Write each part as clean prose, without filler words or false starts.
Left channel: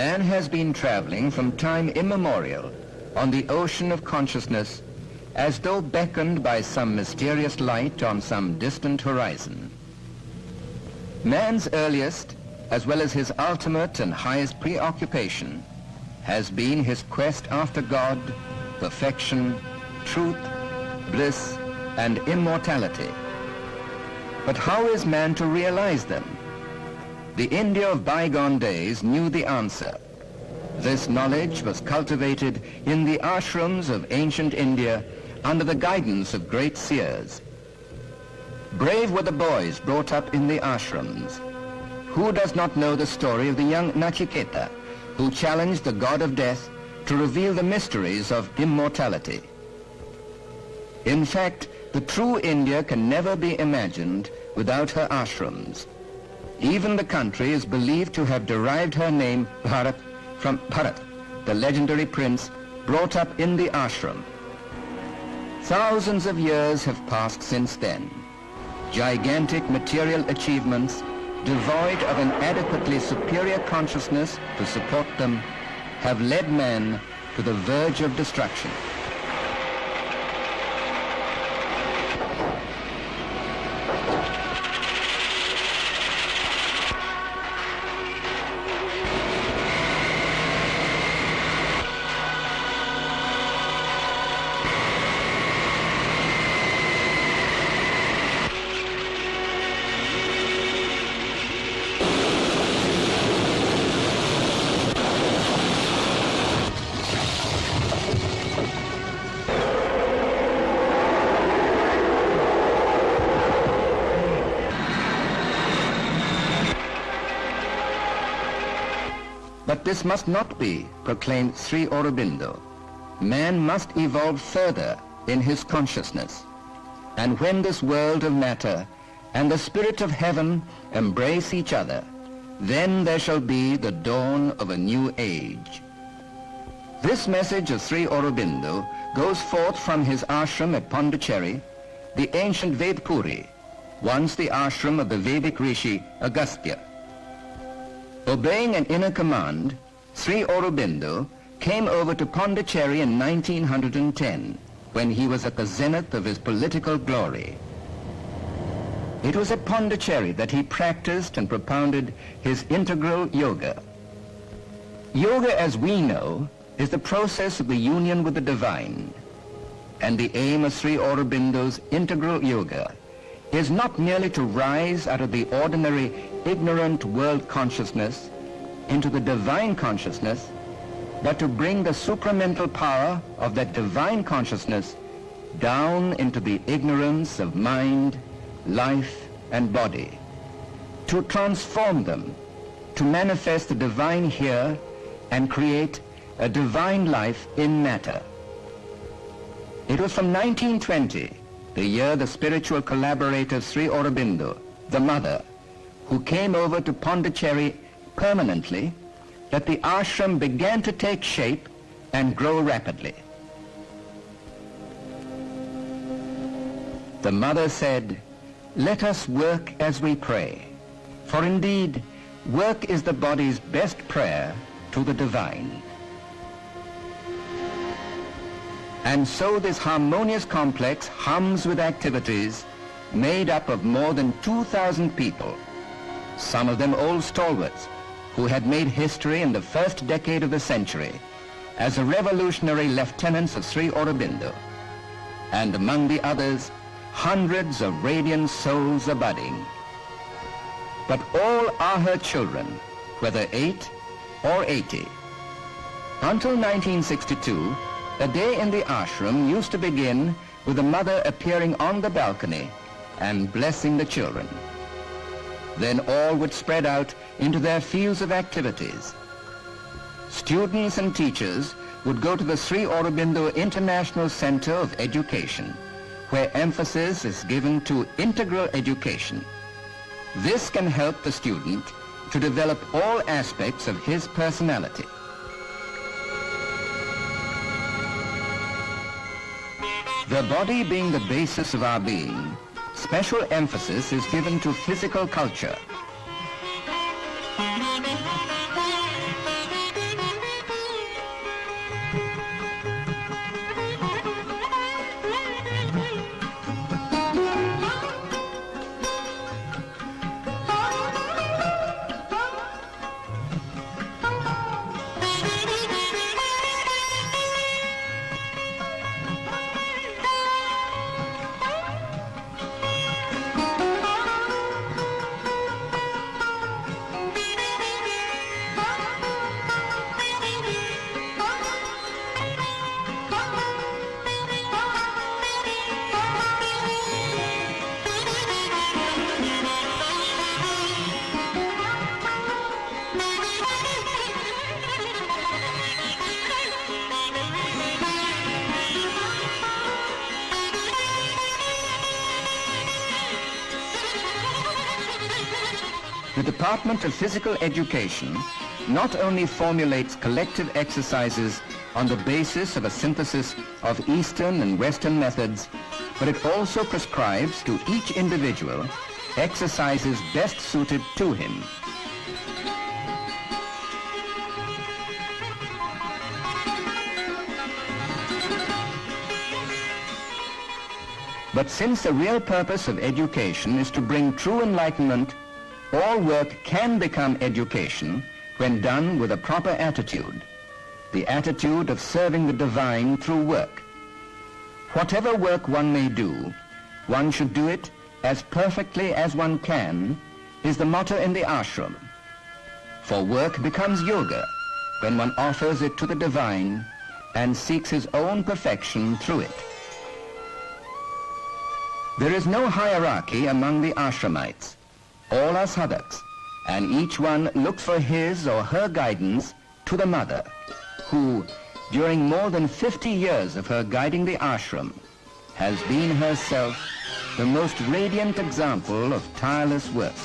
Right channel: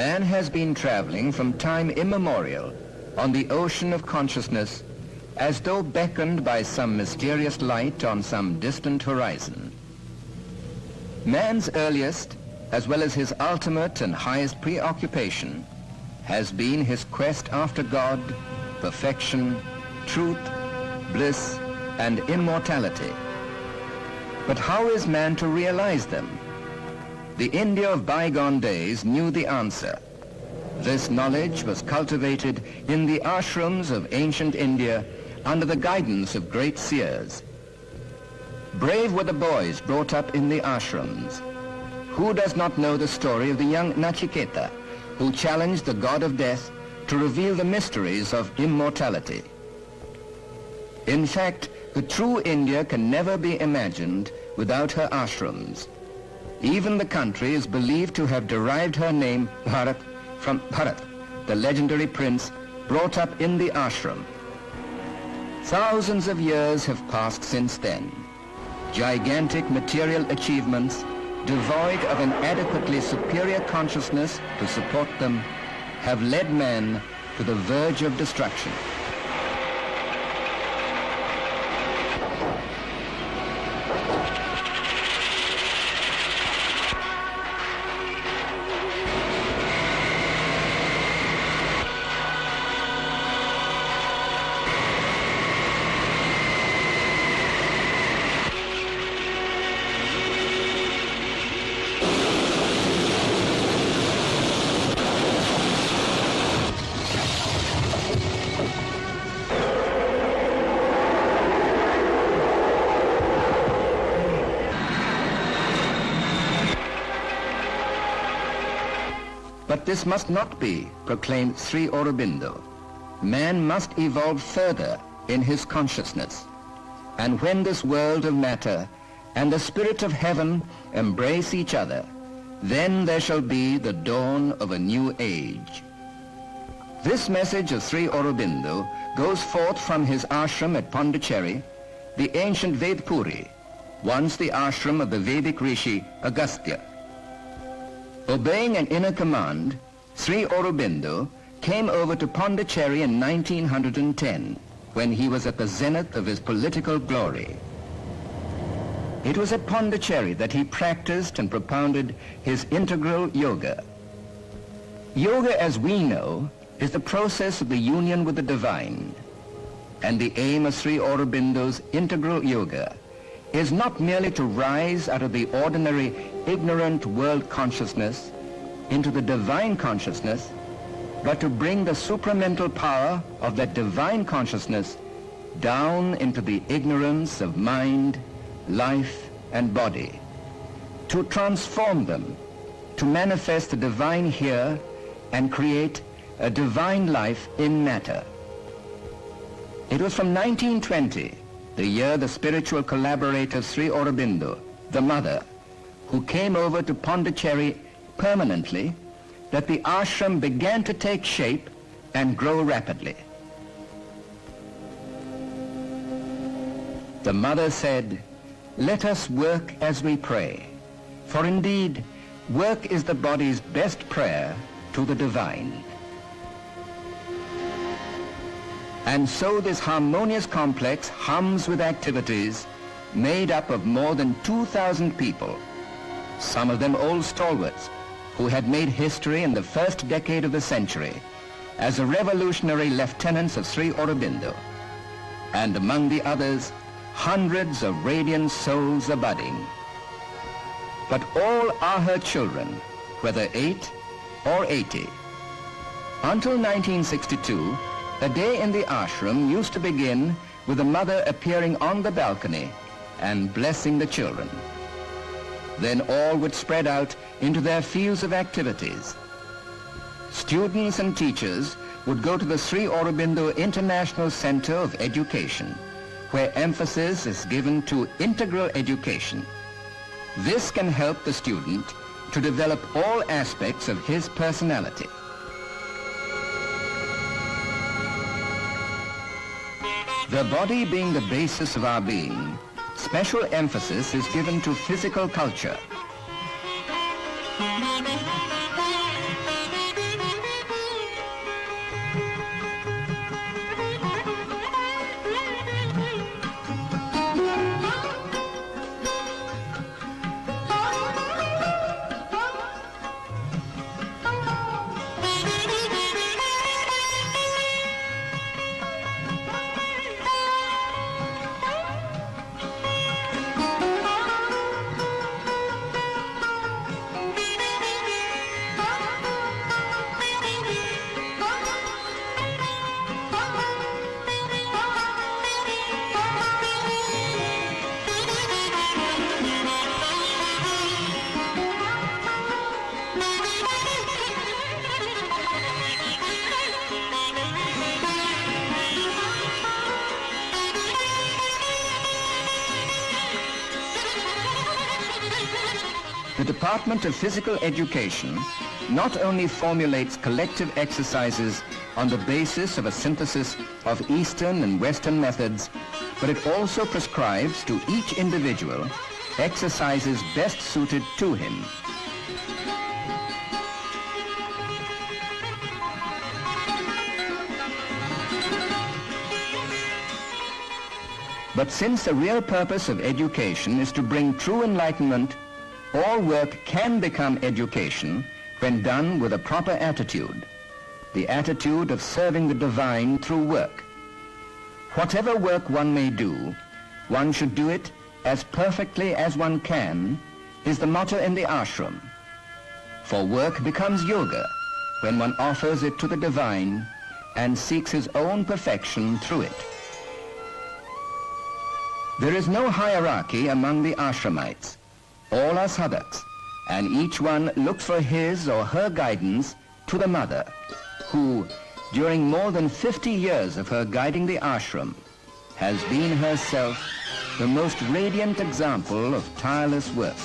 Man has been traveling from time immemorial on the ocean of consciousness as though beckoned by some mysterious light on some distant horizon. Man's earliest, as well as his ultimate and highest preoccupation, has been his quest after God, perfection, truth, bliss, and immortality. But how is man to realize them? The India of bygone days knew the answer. This knowledge was cultivated in the ashrams of ancient India under the guidance of great seers. Brave were the boys brought up in the ashrams. Who does not know the story of the young Nachiketa, who challenged the god of death to reveal the mysteries of immortality? In fact, the true India can never be imagined without her ashrams. Even the country is believed to have derived her name, Bharat, from Bharat, the legendary prince brought up in the ashram. Thousands of years have passed since then. Gigantic material achievements, devoid of an adequately superior consciousness to support them, have led man to the verge of destruction. But this must not be, proclaimed Sri Aurobindo. Man must evolve further in his consciousness. And when this world of matter and the spirit of heaven embrace each other, then there shall be the dawn of a new age. This message of Sri Aurobindo goes forth from his ashram at Pondicherry, the ancient Vedpuri, once the ashram of the Vedic rishi Agastya. Obeying an inner command, Sri Aurobindo came over to Pondicherry in 1910, when he was at the zenith of his political glory. It was at Pondicherry that he practiced and propounded his integral yoga. Yoga, as we know, is the process of the union with the divine. And the aim of Sri Aurobindo's integral yoga is not merely to rise out of the ordinary ignorant world consciousness into the divine consciousness, but to bring the supramental power of that divine consciousness down into the ignorance of mind, life, and body, to transform them, to manifest the divine here and create a divine life in matter. It was from 1920, the year the spiritual collaborator of Sri Aurobindo, the mother, who came over to Pondicherry permanently, that the ashram began to take shape and grow rapidly. The mother said, "Let us work as we pray, for indeed work is the body's best prayer to the divine." And so this harmonious complex hums with activities made up of more than 2,000 people, some of them old stalwarts who had made history in the first decade of the century as the revolutionary lieutenants of Sri Aurobindo, and among the others, hundreds of radiant souls are budding. But all are her children, whether 8 or 80. Until 1962, a day in the ashram used to begin with the mother appearing on the balcony and blessing the children. Then all would spread out into their fields of activities. Students and teachers would go to the Sri Aurobindo International Center of Education, where emphasis is given to integral education. This can help the student to develop all aspects of his personality. The body being the basis of our being, special emphasis is given to physical culture. the Department of Physical Education not only formulates collective exercises on the basis of a synthesis of Eastern and Western methods, but it also prescribes to each individual exercises best suited to him. But since the real purpose of education is to bring true enlightenment, all work can become education when done with a proper attitude, the attitude of serving the divine through work. Whatever work one may do, one should do it as perfectly as one can, is the motto in the ashram. For work becomes yoga when one offers it to the divine and seeks his own perfection through it. There is no hierarchy among the ashramites. All are sadhaks, and each one looks for his or her guidance to the mother, who, during more than 50 years of her guiding the ashram, has been herself the most radiant example of tireless work.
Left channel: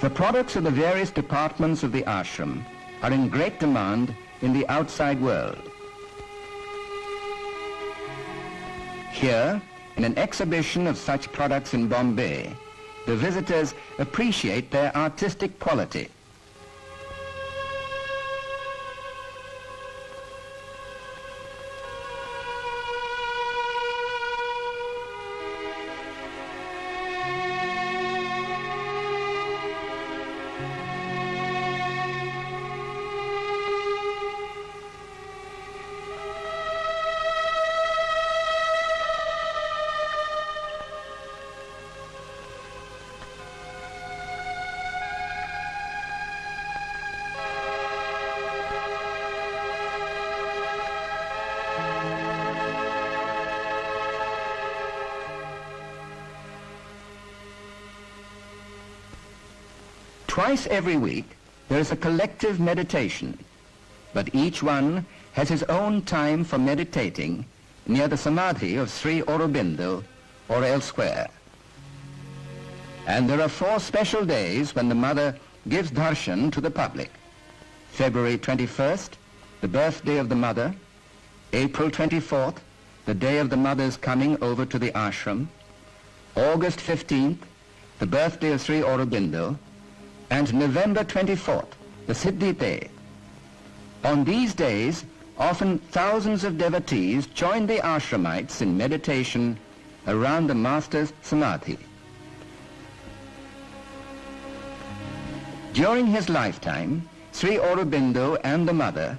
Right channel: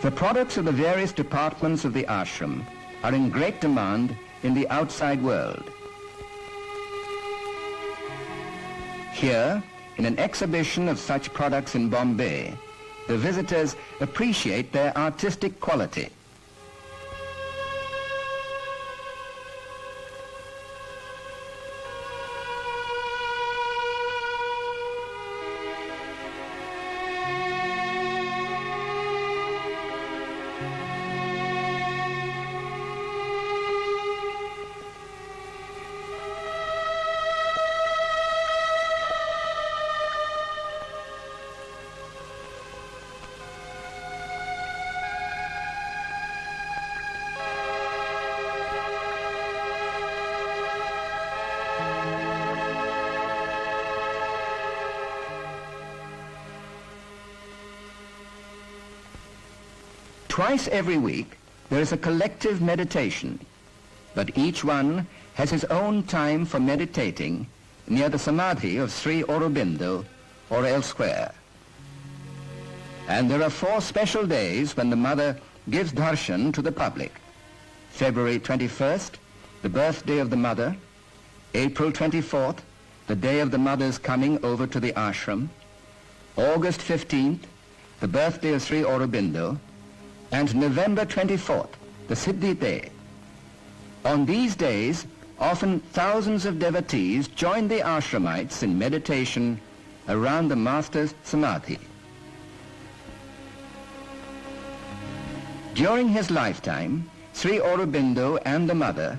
The products of the various departments of the ashram are in great demand in the outside world. Here, in an exhibition of such products in Bombay, the visitors appreciate their artistic quality. Twice every week, there is a collective meditation, but each one has his own time for meditating near the samadhi of Sri Aurobindo or elsewhere. And there are 4 special days when the mother gives darshan to the public. February 21st, the birthday of the mother; April 24th, the day of the mother's coming over to the ashram; August 15th, the birthday of Sri Aurobindo; and November 24th, the Siddhi Day. On these days, often thousands of devotees join the ashramites in meditation around the master's samadhi. During his lifetime, Sri Aurobindo and the mother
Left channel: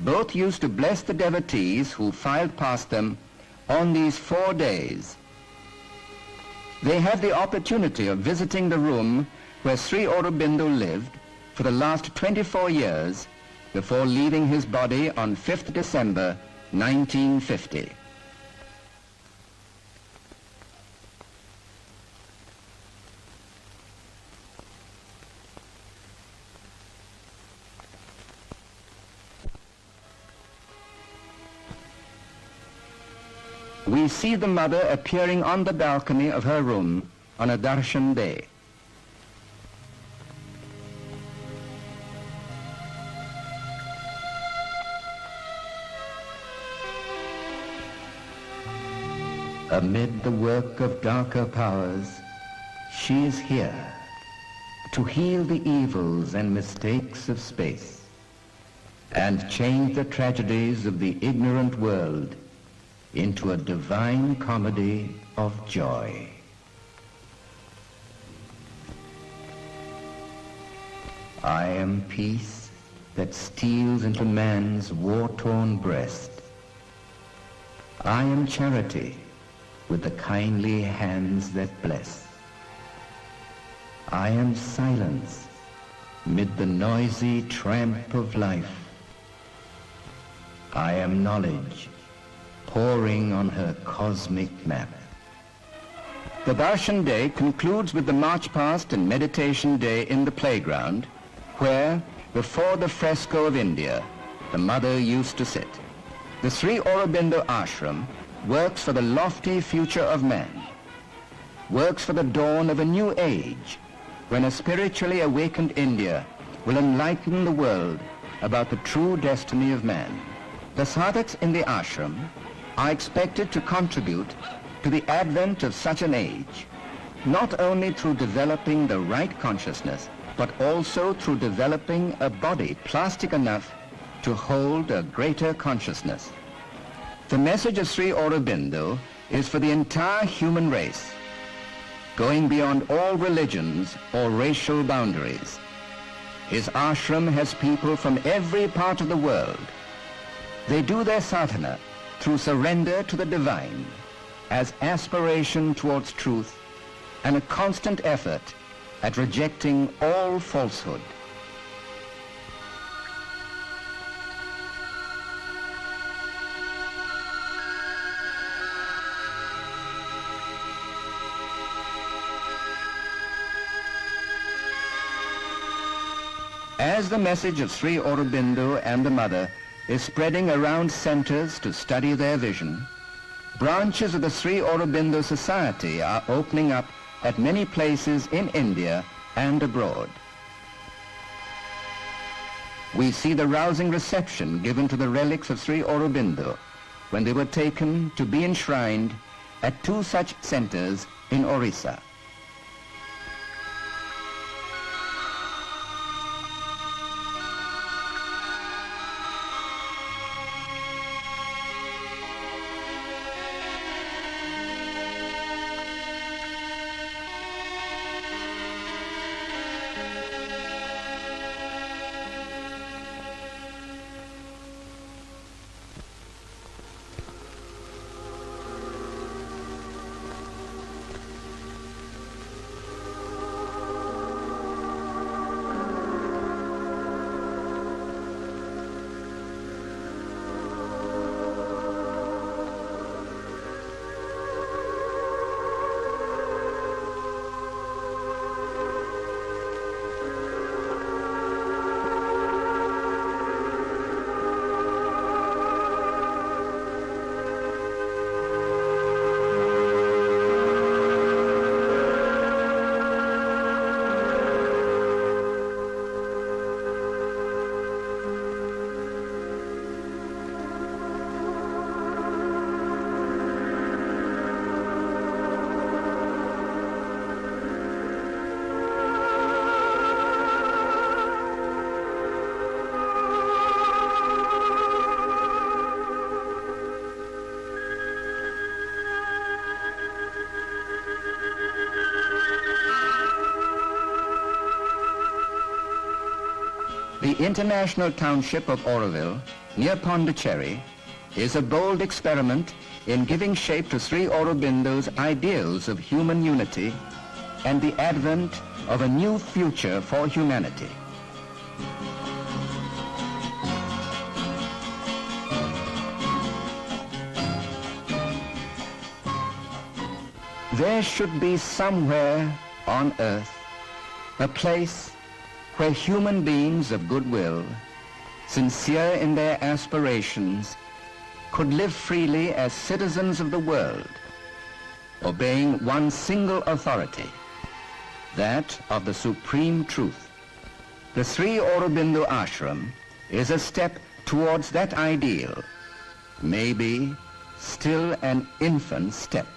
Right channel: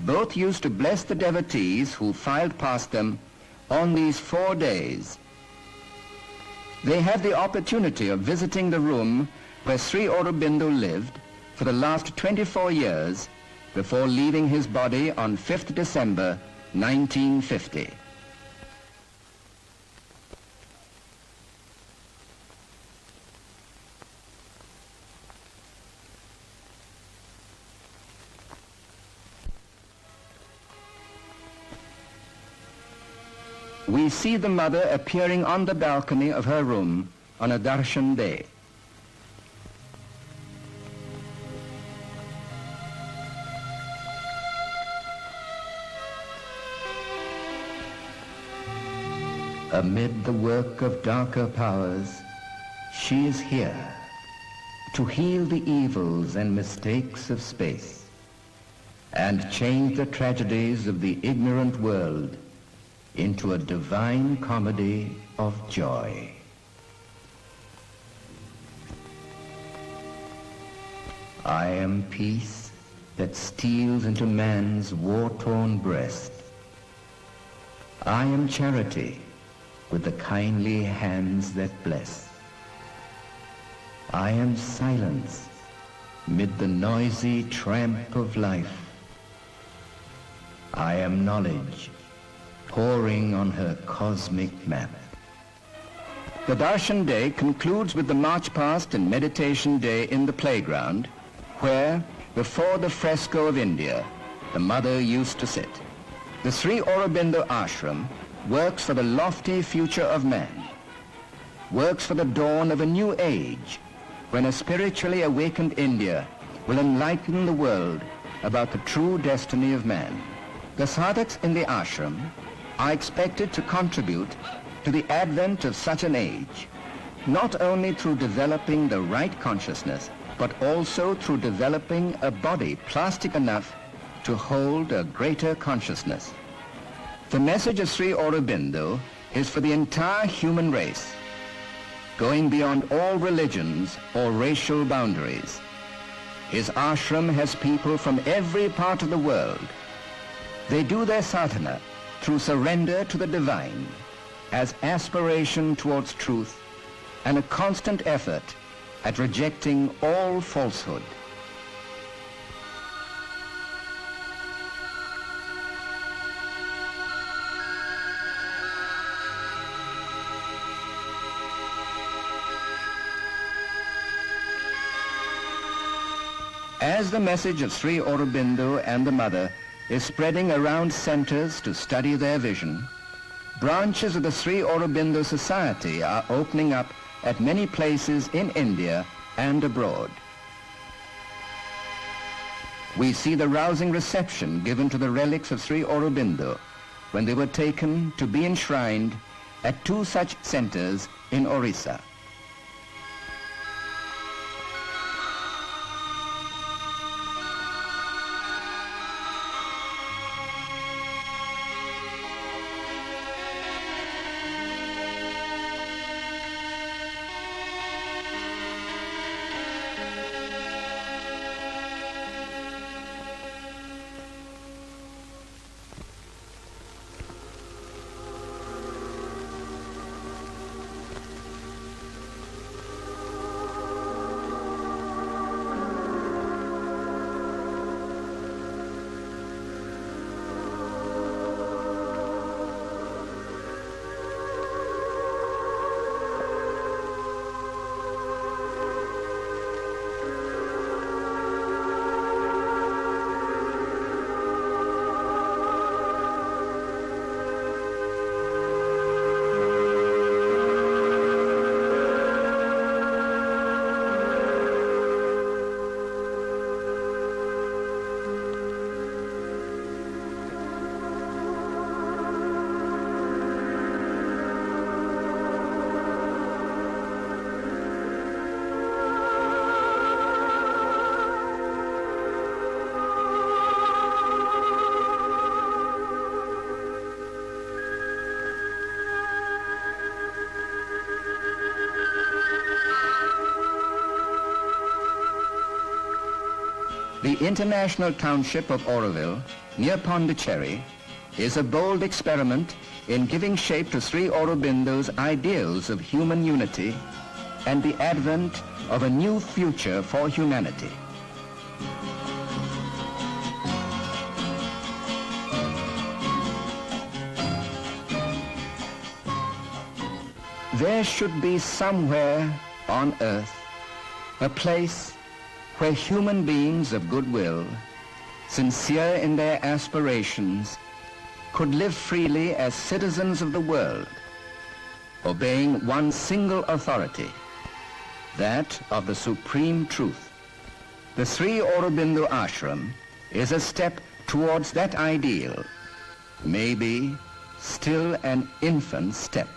both used to bless the devotees who filed past them on these 4 days. They had the opportunity of visiting the room where Sri Aurobindo lived for the last 24 years before leaving his body on 5th December 1950. we see the mother appearing on the balcony of her room on a darshan day. Amid the work of darker powers, she is here to heal the evils and mistakes of space and change the tragedies of the ignorant world into a divine comedy of joy. I am peace that steals into man's war-torn breast. I am charity with the kindly hands that bless. I am silence mid the noisy tramp of life. I am knowledge pouring on her cosmic map. The Darshan Day concludes with the march past and meditation day in the playground, where, before the fresco of India, the mother used to sit. The Sri Aurobindo ashram works for the lofty future of man, works for the dawn of a new age, when a spiritually awakened India will enlighten the world about the true destiny of man. The sadhaks in the ashram are expected to contribute to the advent of such an age, not only through developing the right consciousness, but also through developing a body plastic enough to hold a greater consciousness. The message of Sri Aurobindo is for the entire human race, going beyond all religions or racial boundaries. His ashram has people from every part of the world. They do their sadhana through surrender to the divine, as aspiration towards truth and a constant effort at rejecting all falsehood. As the message of Sri Aurobindo and the Mother is spreading around centers to study their vision, branches of the Sri Aurobindo Society are opening up at many places in India and abroad. We see the rousing reception given to the relics of Sri Aurobindo when they were taken to be enshrined at 2 such centers in Orissa. The international township of Auroville, near Pondicherry, is a bold experiment in giving shape to Sri Aurobindo's ideals of human unity and the advent of a new future for humanity. There should be somewhere on earth a place where human beings of goodwill, sincere in their aspirations, could live freely as citizens of the world, obeying one single authority, that of the supreme truth. The Sri Aurobindo ashram is a step towards that ideal, maybe still an infant step.